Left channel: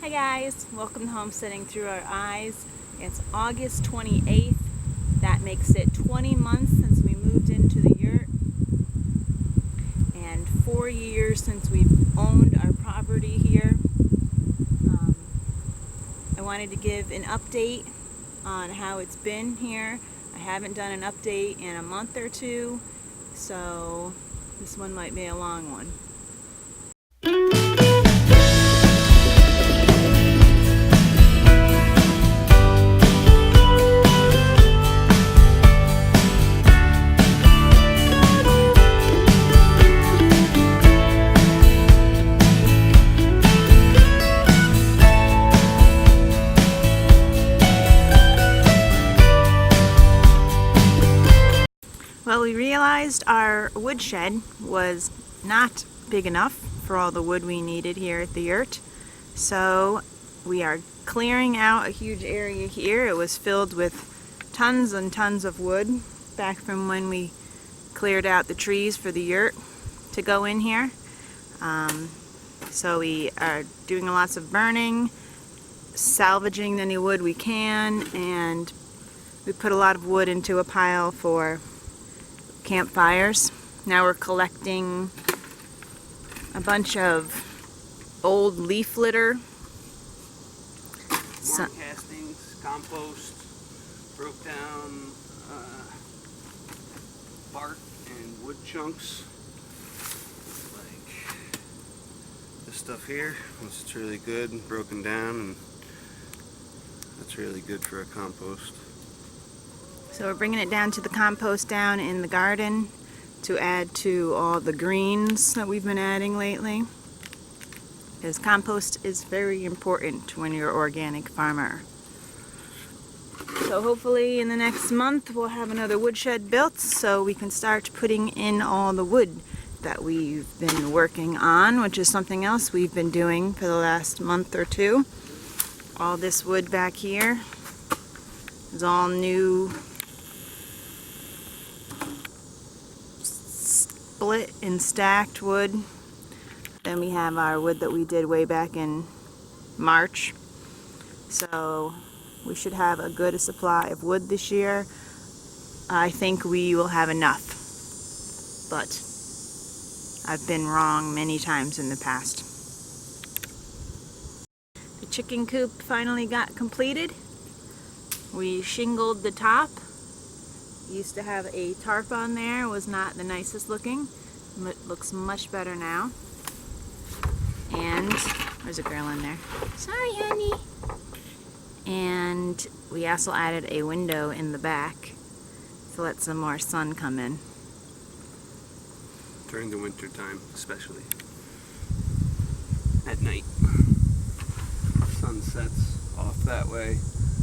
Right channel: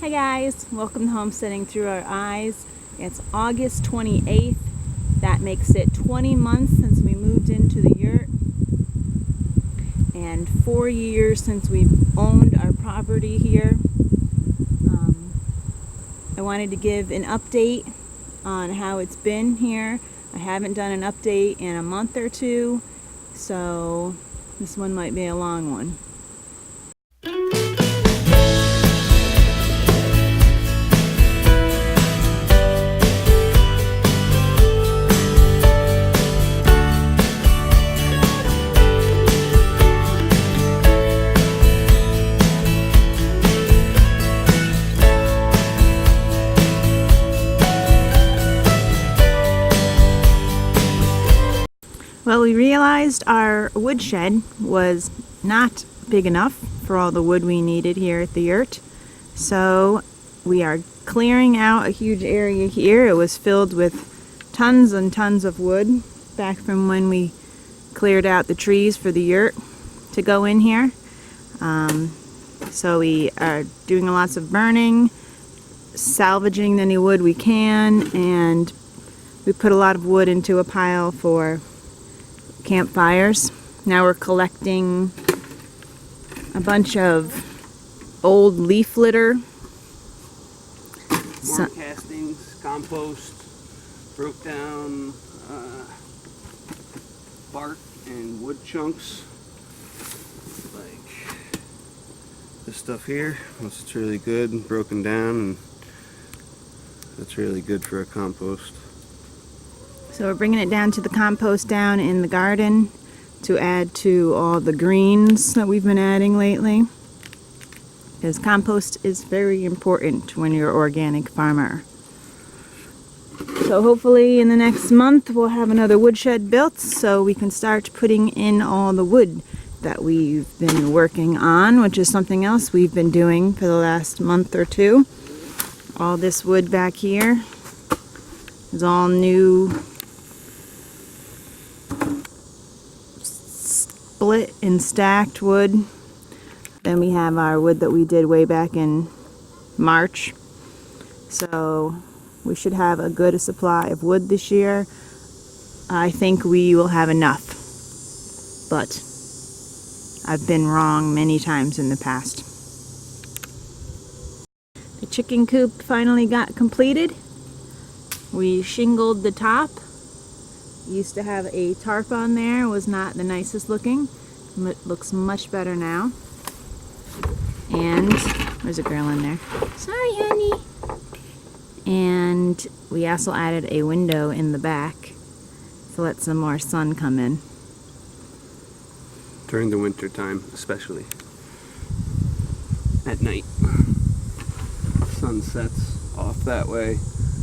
Hi guys, welcome to Homesteading Through Our Eyes. It's August 28th. That makes it 20 months since we moved into the yurt and 4 years since we've owned our property here. I wanted to give an update on how it's been here. I haven't done an update in a month or two, so this one might be a long one. Well, we realized our woodshed was not big enough for all the wood we needed here at the yurt. So we are clearing out a huge area here. It was filled with tons and tons of wood back from when we cleared out the trees for the yurt to go in here. So we are doing lots of burning, salvaging any wood we can, and we put a lot of wood into a pile for campfires. Now we're collecting a bunch of old leaf litter. Worm castings, compost, broke down bark and wood chunks. Like this stuff here, once it's really good and broken down, and that's really good for a compost. So we're bringing it down to the compost down in the garden to add to all the greens that we've been adding lately. Because compost is very important when you're an organic farmer. So hopefully in the next month we'll have another woodshed built so we can start putting in all the wood that we've been working on, which is something else we've been doing for the last month or two. All this wood back here is all new split and stacked wood. Then we have our wood that we did way back in March. So we should have a good supply of wood this year. I think we will have enough, but I've been wrong many times in the past. The chicken coop finally got completed. We shingled the top. Used to have a tarp on there, was not the nicest looking. It looks much better now. And there's a girl in there. Sorry, honey. And we also added a window in the back to let some more sun come in. During the winter time, especially. At night. Sun sets off that way.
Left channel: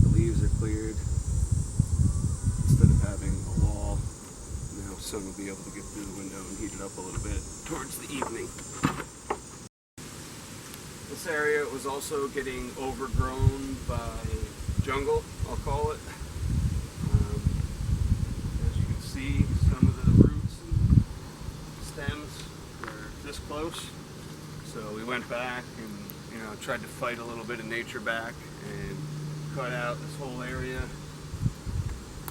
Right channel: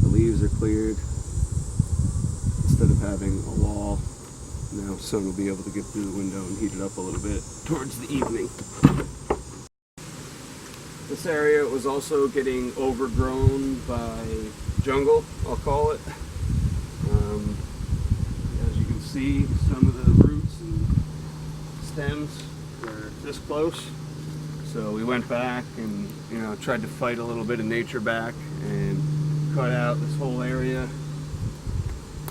The leaves are cleared. Instead of having a wall, now sun will be able to get through the window and heat it up a little bit towards the evening. This area was also getting overgrown by jungle, I'll call it. As you can see, some of the roots and stems were this close. So we went back and tried to fight a little bit of nature back and cut out this whole area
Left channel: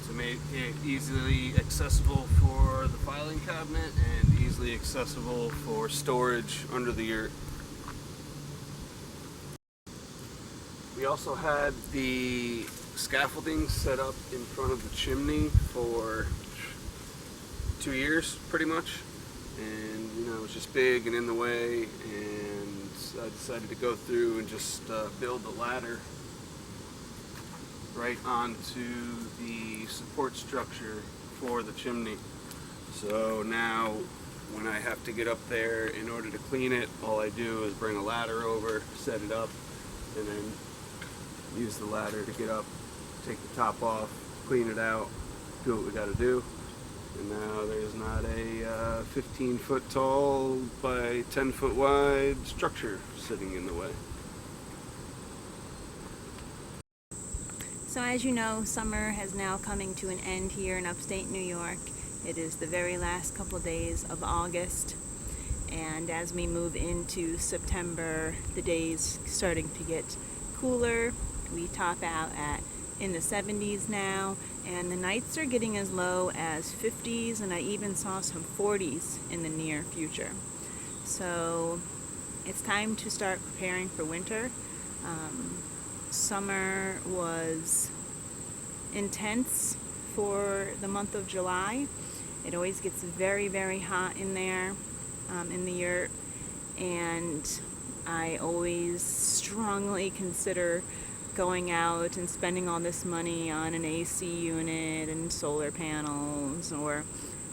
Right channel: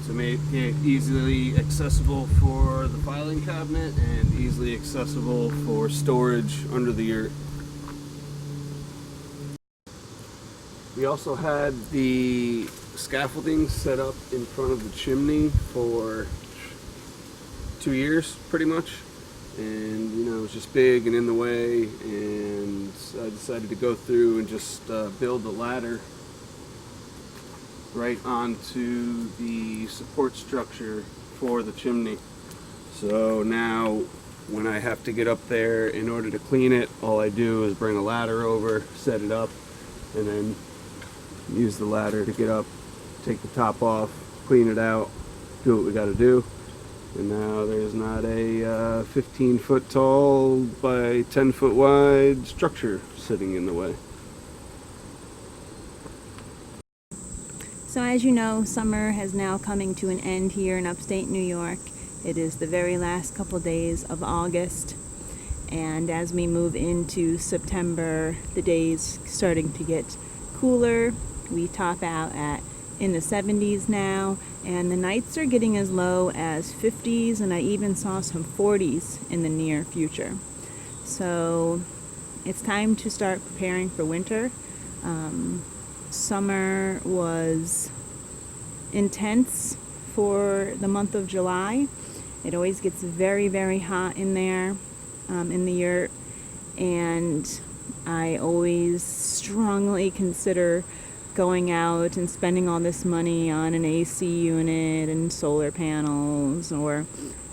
to make it easily accessible for the filing cabinet and easily accessible for storage under the yurt. We also had the scaffolding set up in front of the chimney for 2 years pretty much, and it was just big and in the way, and I decided to go through and just build a ladder right onto the support structure for the chimney. So now when I have to get up there in order to clean it, all I do is bring a ladder over, set it up, and then use the ladder to get up, take the top off, clean it out, do what we got to do. And now there's not a 15 foot tall by 10 foot wide structure sitting in the way. So as you know, summer has now coming to an end here in upstate New York. It is the very last couple days of August, And as we move into September, the days starting to get cooler. We top out at in the 70s now, and the nights are getting as low as 50s, and I even saw some 40s in the near future. So it's time to start preparing for winter. Summer was intense for the month of July. It always gets very, very hot in there, in the yurt, and I always strongly consider going out and spending all this money on an AC unit and solar panels, or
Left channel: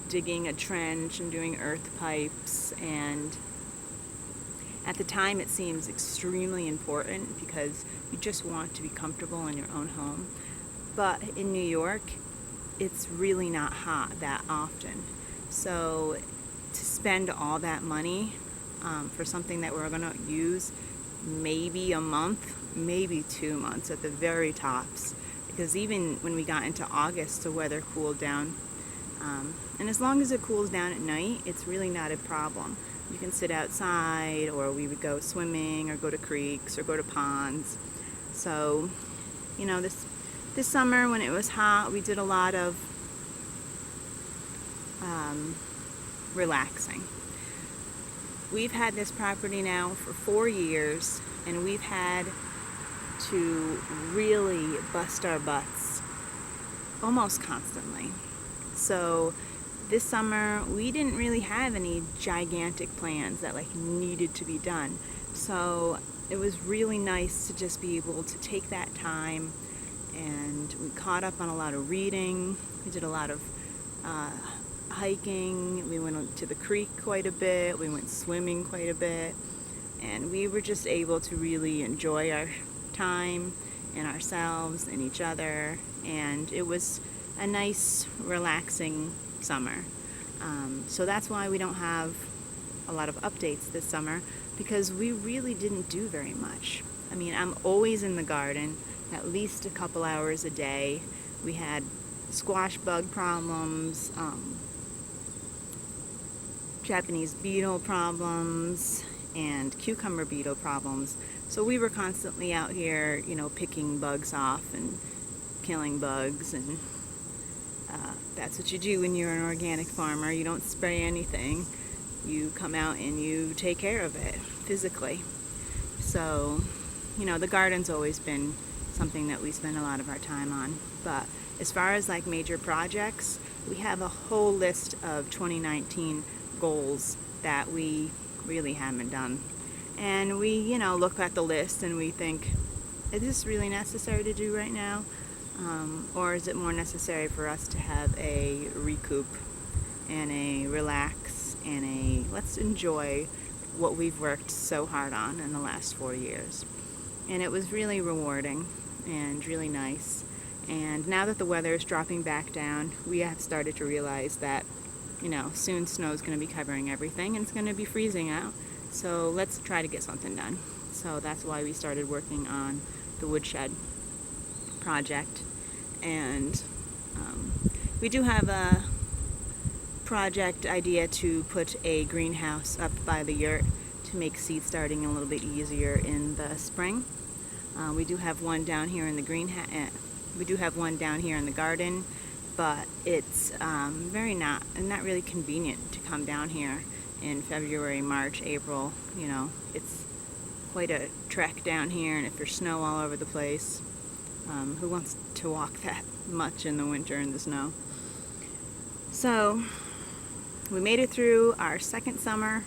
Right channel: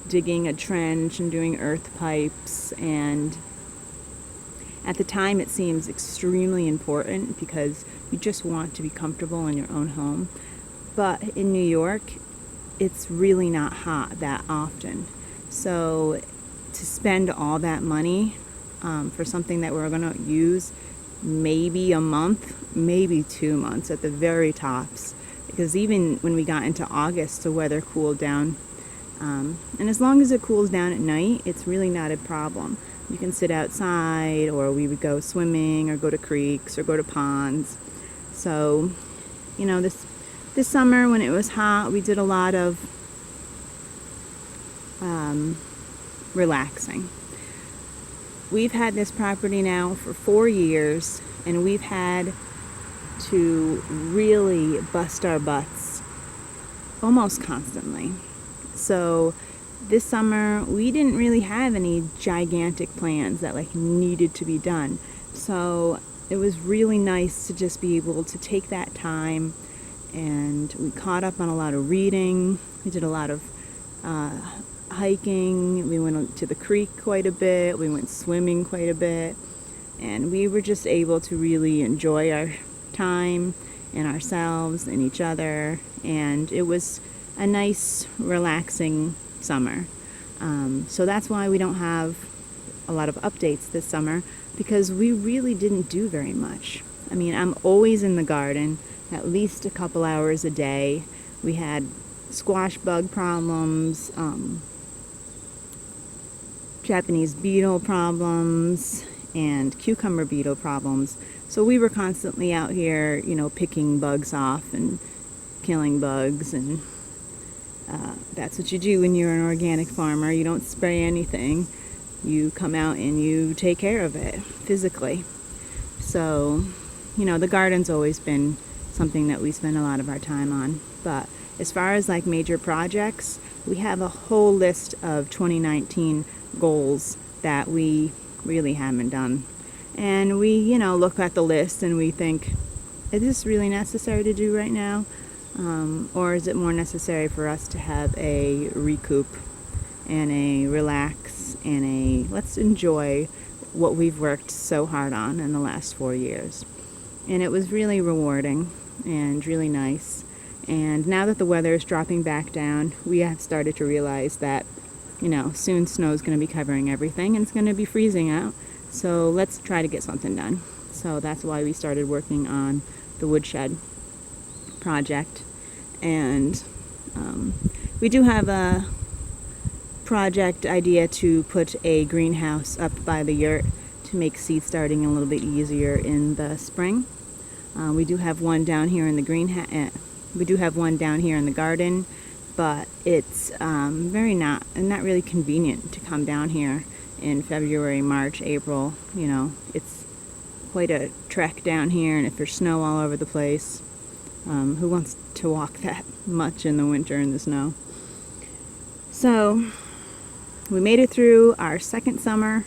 digging a trench and doing earth pipes. And at the time it seems extremely important because you just want to be comfortable in your own home. But in New York, it's really not hot that often. So to spend all that money for something that we're going to use maybe a month, maybe 2 months at the very tops, because even when we got into August, the weather cooled down. And as long as it cools down at night, it's really not a problem. You can sit outside, or we would go swimming, or go to creeks, or go to ponds. So, you know, this summer when it was hot, we did a lot of relaxing. We've had this property now for 4 years, and we've had to really bust our butts almost constantly. So this summer we didn't really have any gigantic plans that like needed to be done. So it was really nice to just be able to take that time, and we caught up on a lot of reading. We did a lot of hiking. We went to the creek quite a bit. We went swimming quite a bit, and we were just able to really enjoy our time and ourselves and each other. And it was a nice, relaxing summer. So that's why we don't have a lot of updates this summer, because we really didn't do very much. I mean, I'm always in the garden at least a couple hours a day. We had squash bug problems, Japanese beetle problems, and cucumber beetle problems. So we were constantly out here, you know, picking bugs off and killing bugs. And that's what you do when you're an organic farmer. You don't spray anything. You come out and you take care of it physically. So, you know, the garden's always been something that we spend a lot of our time on. But as far as like major projects, we have a whole list of 2019 goals that we really haven't done. And we, you know, look at the list and we think, is this really necessary to do right now? Or is it more necessary for us to have a recoup and a relax and a let's enjoy what we've worked so hard on in the last 4 years? And it was really rewarding and really nice. And now that the weather is dropping back down, we have started to realize that, you know, soon snow is going to be covering everything and it's going to be freezing out. So let's try to get something done. So that's why we started working on the woodshed project. And we do have a project idea to put a greenhouse up by the yurt to make seed starting a little bit easier in the spring. We do have one down here in the we do have one down here in the garden, but it's not really convenient to come down here in February, March, April. You know, it's quite a trek down here, and if there's snow all over the place, who wants to walk that much in the winter in the snow? So we made it through our second summer,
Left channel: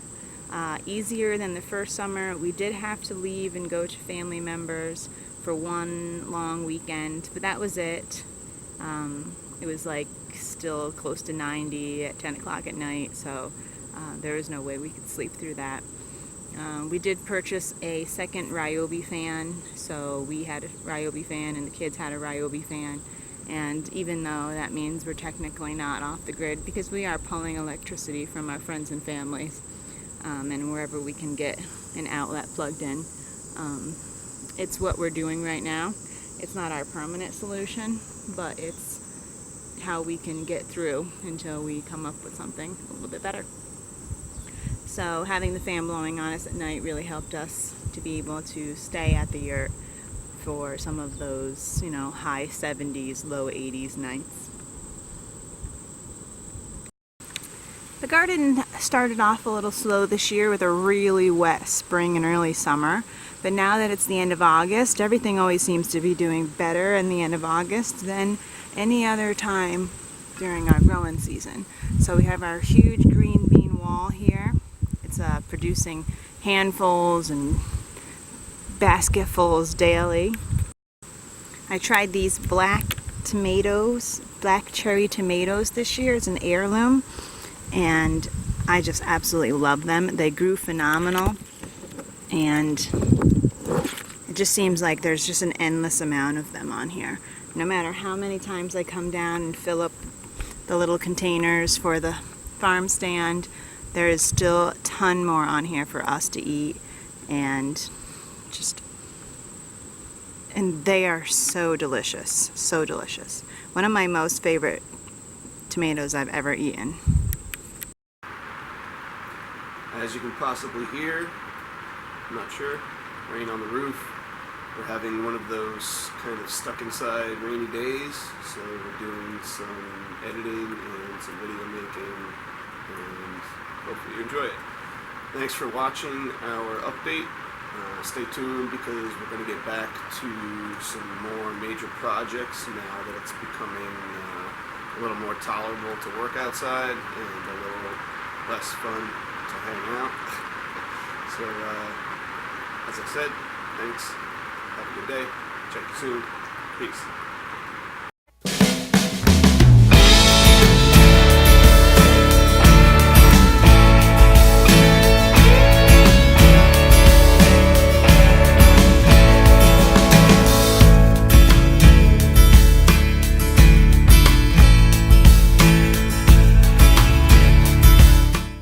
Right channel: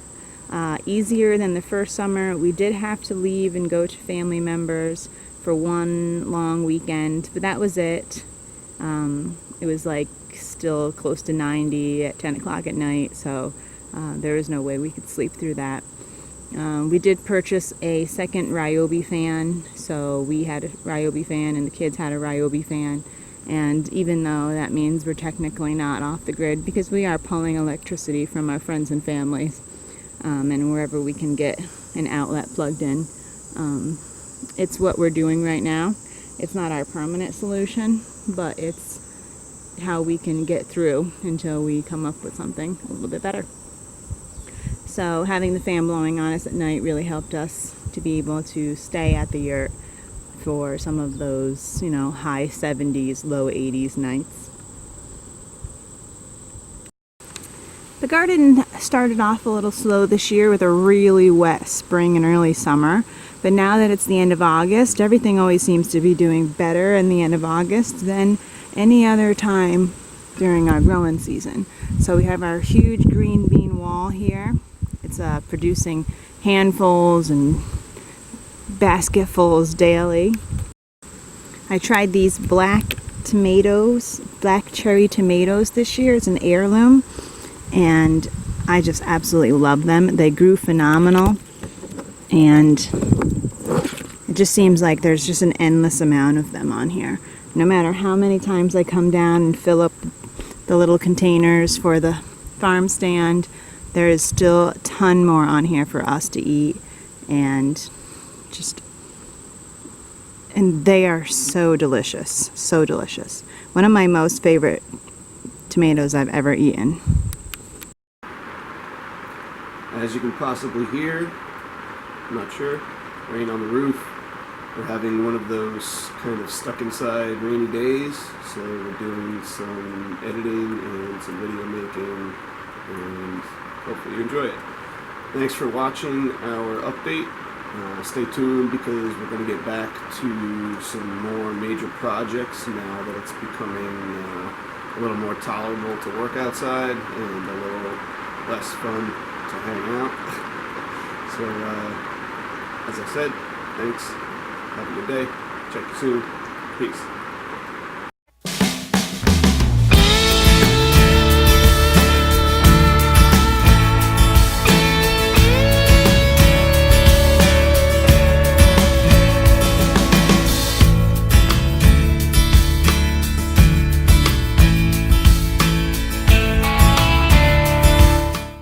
easier than the first summer. We did have to leave and go to family members for one long weekend, but that was it. It was like still close to 90 at 10 o'clock at night, so there was no way we could sleep through that. We did purchase a second Ryobi fan, so we had a Ryobi fan and the kids had a Ryobi fan. And even though that means we're technically not off the grid, because we are pulling electricity from our friends and families, and wherever we can get an outlet plugged in. It's what we're doing right now. It's not our permanent solution, but it's how we can get through until we come up with something a little bit better. So having the fan blowing on us at night really helped us to be able to stay at the yurt for some of those, high 70s, low 80s nights. The garden started off a little slow this year with a really wet spring and early summer, but now that it's the end of August, everything always seems to be doing better in the end of August than any other time during our growing season. So we have our huge green bean wall here. It's producing handfuls and basketfuls daily. I tried these black cherry tomatoes this year. It's an heirloom, and I just absolutely love them. They grew phenomenal, and it just seems like there's just an endless amount of them on here. No matter how many times I come down and fill up the little containers for the farm stand, there is still a ton more on here for us to eat, and they are so delicious, so delicious. One of my most favorite tomatoes I've ever eaten. As you can possibly hear, I'm not sure, rain on the roof. We're having one of those kind of stuck inside rainy days, so we're doing some editing and some video making, and hopefully you enjoy it. Thanks for watching our update. Stay tuned because we're going to get back to some more major projects now that it's becoming a little more tolerable to work outside and a little less fun to hang out. So, as I said, thanks. Have a good day. Check you soon. Peace.